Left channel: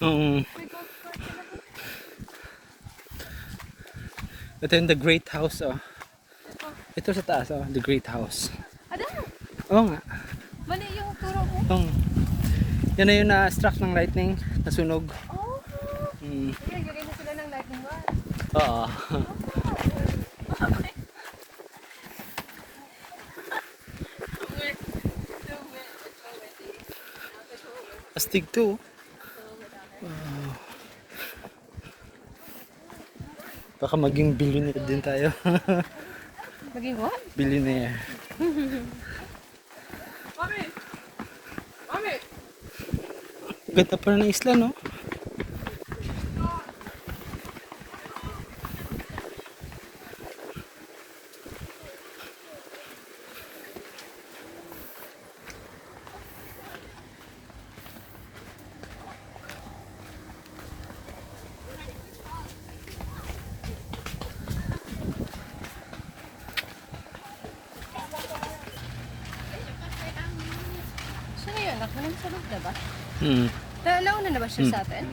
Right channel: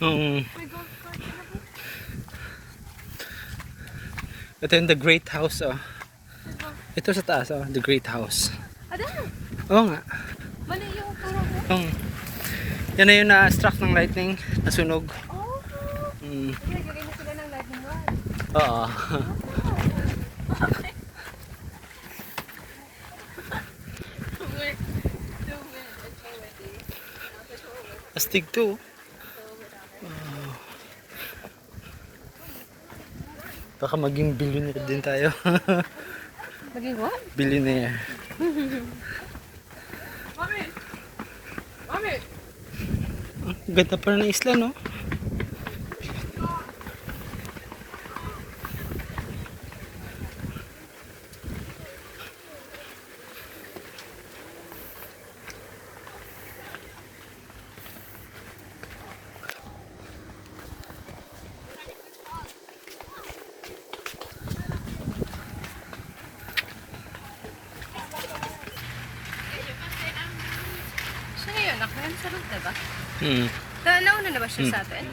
Um, ito yung The Great House, oh. Ito sa taas, oh. The Great House. Ano? Oo nga. Mali yung parang mo? Oo. Yan na yung na-struck ng lightning, nasunog. Oh! Mm. Nagagay na sila ng lightning rod. Oo. Astig to. Baka maging billionaire din tayo. Maging what? Billionaire. Ganda pa rin ng isla, no? Siya yun, ako yun sa loob, diba? Hmm. Nauna na ba siya sa atin?